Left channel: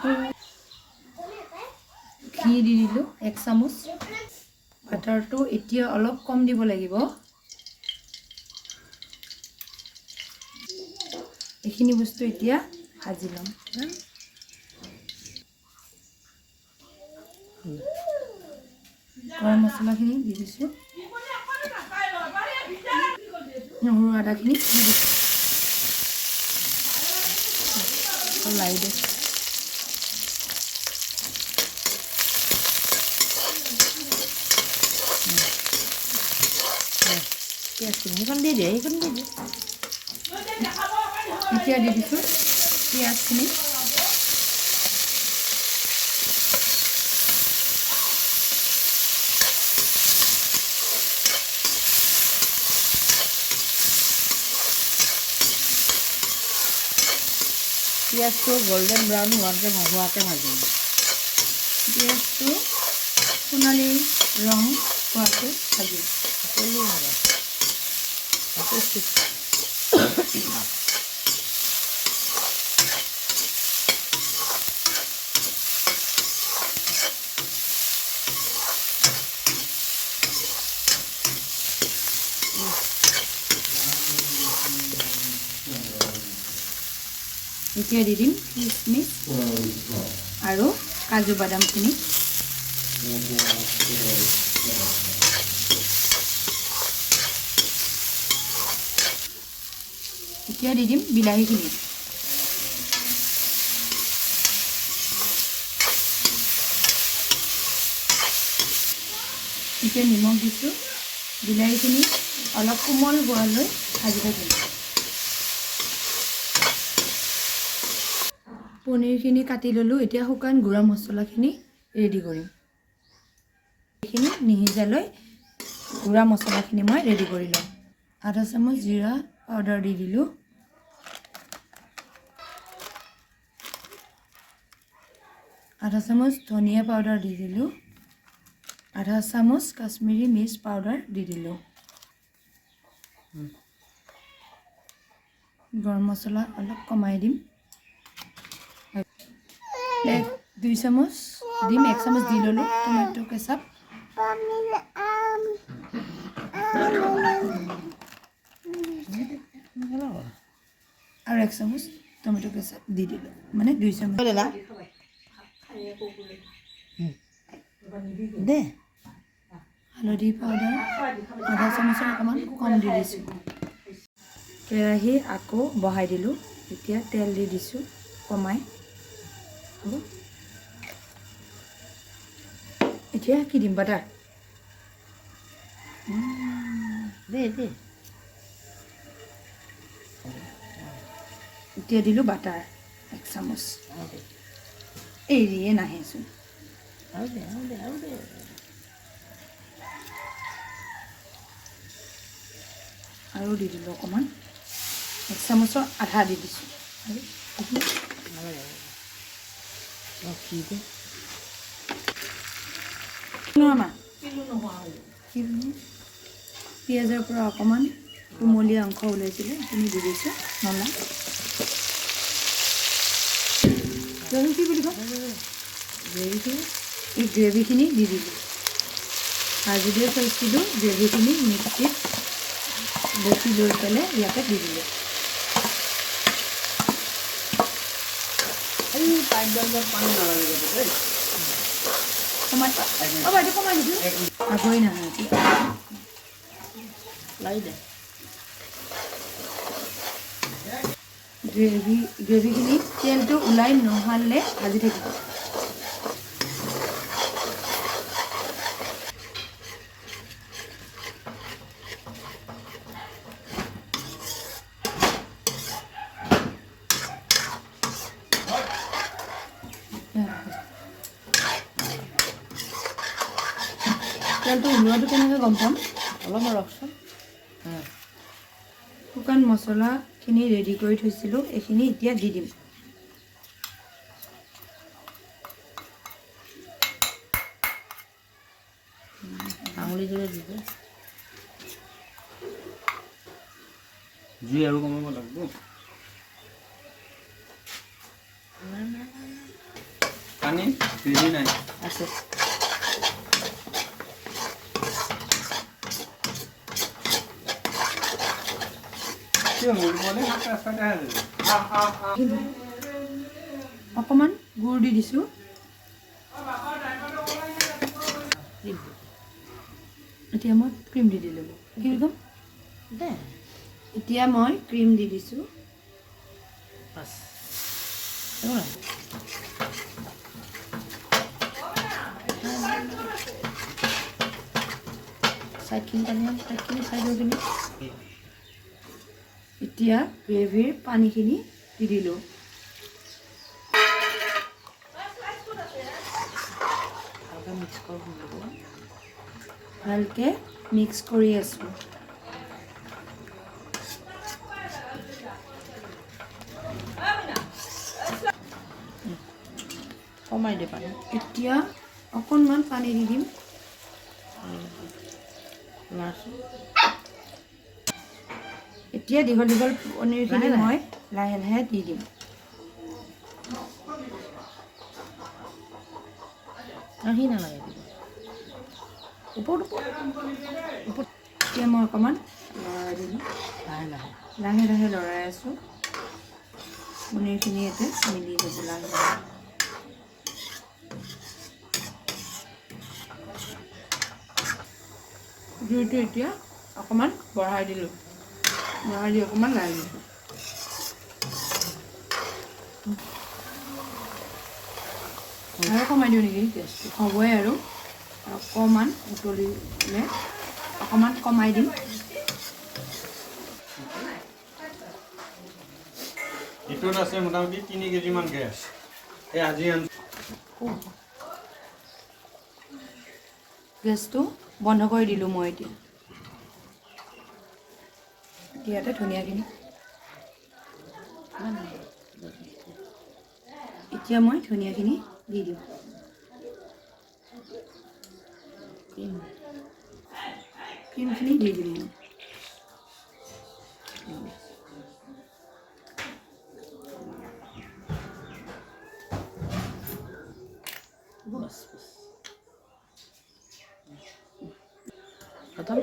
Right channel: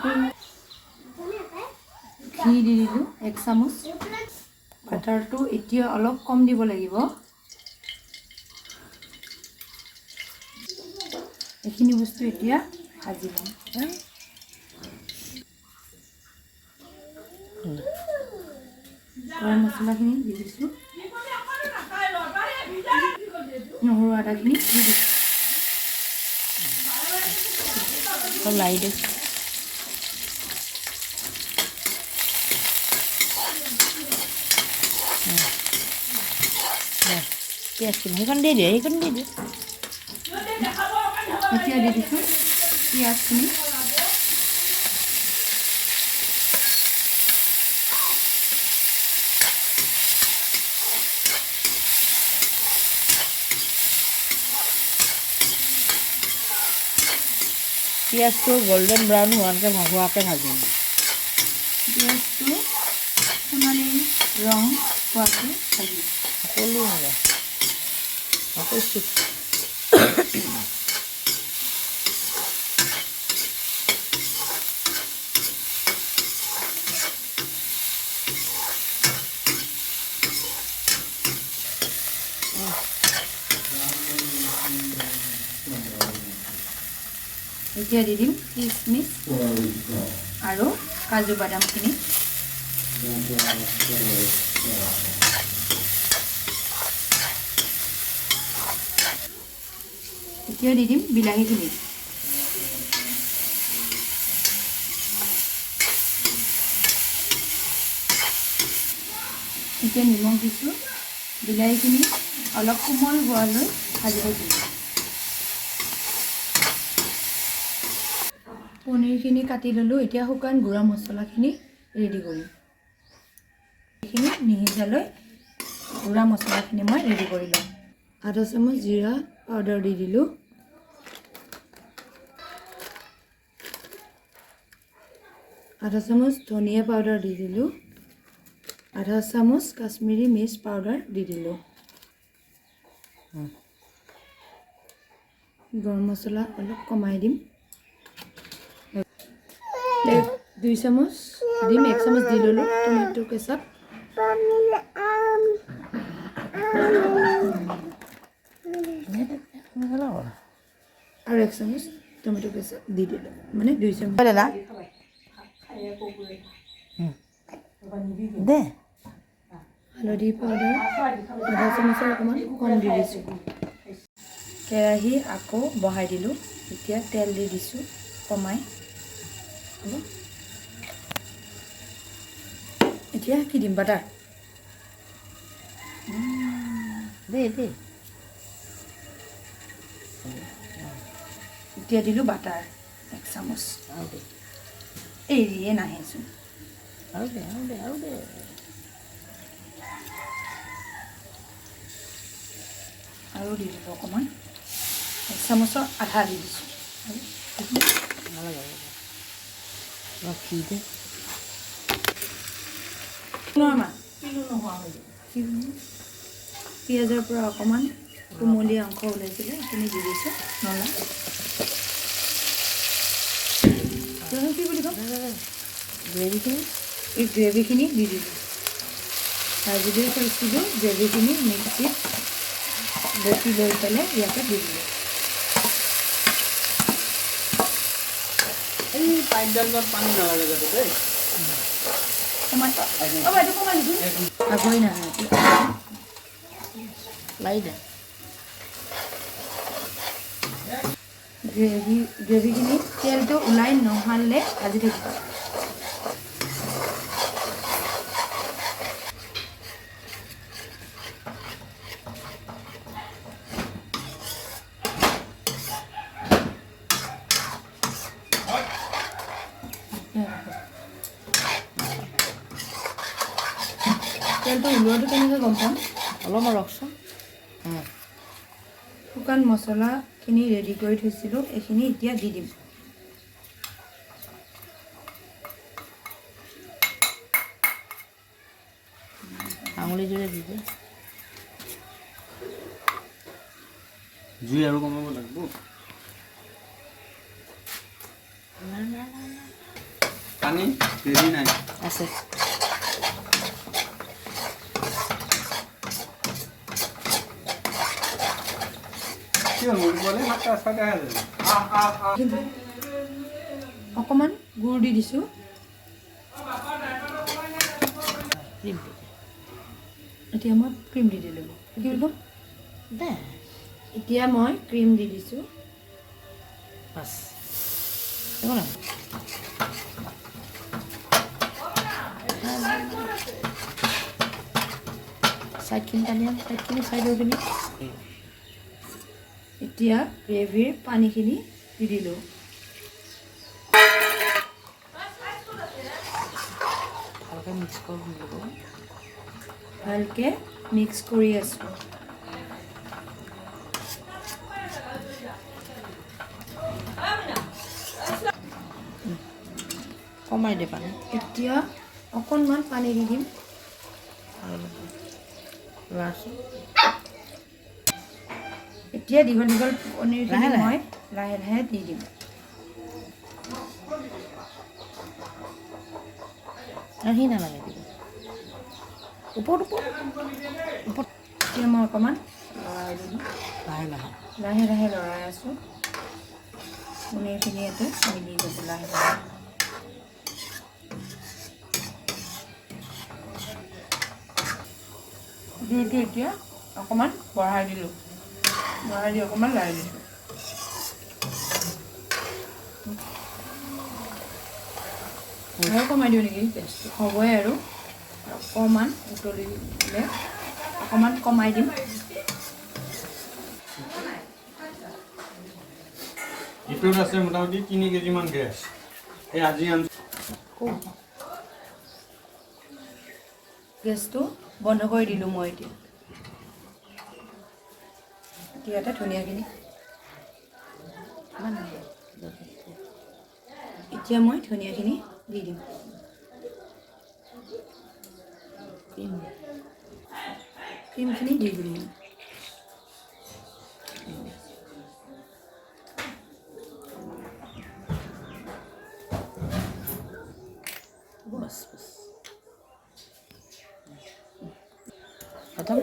ঘি দি দিলোঁ 1 চামুচ। বাটাৰটো এতিয়া অলপ কম দিব লাগিব। এইখিনি বস্তু এতিয়া ভাজি ল'ম। গৰম মছলাখিনি দি দিছোঁ, নহৰু আদাখিনি দি দিছোঁ। লাই দিছোঁ। সেইখন দি দিয়ে, সেইখন দি দিয়ে। এতিয়া দি দিছোঁ পিঁয়াজখিনি। পিঁয়াজটো গল্ডেন ব্ৰাউন হোৱাকৈ ভাজিম। পিঁয়াজটো সোণালী ৰং হোৱাকৈ ভাজিম। সকলো হ'ব। এতিয়া দি দিম কিচমিচ আৰু কাজু বাদামখিনি। এতিয়া দি দিম বিলাহীখিনি। এতিয়া নিমখ দিছোঁ। বিলাহীখিনি অলপ কোমল হোৱালৈ ভাজি থাকিম। পনীৰখিনি কাটি ল'লোঁ। এতিয়া শুকান গুড়া মছলাখিনি ৰেডি কৰিম। এইখিনি নিসিজালৈ গুড়া মছলাখিনি মই ৰেডি কৰি ল'ম। আধা চামুচ জিৰা পাউডাৰ দি দিলোঁ। আধা চামুচ ধনিয়া পাউডাৰ দি দিলোঁ। আধা চামুচ কাশ্মীৰী মিৰ্চ পাউডাৰ দি দিলোঁ। গৰম মছলা অলপ কমাই দিম। 2 চামুচ দিম। 1 চামুচ দি ল'লোঁ টমেটো কেচাপ। আৰু 1 চামুচ টমেটো কেচাপ দি দিলোঁ, মানে 2 চামুচ। দে হালধি পাউডাৰ আধা চামুচৰ অকণমান কম দি দিছোঁ। কেৰাহী আকৌ বহাই দিলোঁ। এতিয়া তেল দি দিছোঁ কমাই। হ'ব। এতিয়া কি দিম? বাটাৰ। দে দে। এতিয়া দিলোঁ বাটাৰ 1 চামুচ। এৰিয়ে নাহেচোন। আৰু দে আৰু দে আৰু দে। আৰু দি দিলোঁ অকণমান। 1 চামুচৰ আধা দি দিছোঁ। পিঁয়াজৰ পৰা অকণমান কোমলীয়া অংশ ওলাইছিলে, সেইখিনি দি দিছোঁ। মলা কি বুলি কয়? গ্ৰেভিখিনি। এই গ্ৰেভিখিনি দি দিলোঁ। ভাজি দি থৈছিলোঁ গ্ৰেভিখিনি মিক্সিত বটি লৈ পেলাই ইয়াতে দি দিলোঁ। আগৈ নাহে লাই দে। গ্ৰেভিখিনি তেলটো ওলাই নহ'লে ভাজি থাকিব। তেলটো ওলোৱাটো কেনেকৈ গম পাম? অলপমান ৰখচোন। শুকান মছলাখিনি ৰেডি কৰি থৈছিলোঁ, এইখিনি এতিয়া দি দিম। আঙুলিটোৰে দি দে। জুই আৰু কমাব লাগিব। পানী হেৰি নাই আছে কিয় মৰিবলৈ সাতটা চাৰিটা অকণমান গুড় দি দিছোঁ। এতিয়া মই ক্ৰীম দি দিলোঁ। কি বুলি ক'ম? দে এতিয়া মই ক্ৰীম দি দিছোঁ। বাছ একো নাই চাইডখিনি টানি চাইডখিনি চাইডৰ পিনে এতিয়া গ্ৰেভীৰ পানীখিনি দি দিলোঁ। ভালকৈ মিক্স কৰিব লাগিব ভালকৈ মিক্স কৰি আছোঁ। কমাই দে পানী এতিয়া অকণমান পানী দি দিম। ল'ৰাচোন এতিয়া দীঘল দীঘল পনীৰখিনি লাহে লাহে। মই লাহে লাহে দি দিম। সি নালাগে দিব ওপৰত ওপৰত ওপৰত এতিয়া মই অকণমান লৰাই দিলোঁ। লাহে লাহে লাহে লাহে লৰাই আছোঁ। পনীৰখিনি ইয়াতে মিলি যাব লাহে লাহে। জুইটো এতিয়া অকণমান বঢ়াই দিলোঁ। বঢ়াই দি অকণমান লাৰি দিছোঁ। আৰু কমাই দিওঁ নেকি গেছটো? হ'বই আৰু অকণমান উতলিলে অকণমান কমাই দিম। ইটোত আছে মোটামুটি 3 কেজিমান গেছ এই আজি গেছটো বন্ধ কৰি দিলোঁ মই এতিয়া। ইয়াতে ধনিয়াখিনি এতিয়া মই ধনিয়াখিনি দি দিম। ক্ৰীমখিনি দি দিম মই। বাছ বাছ খতম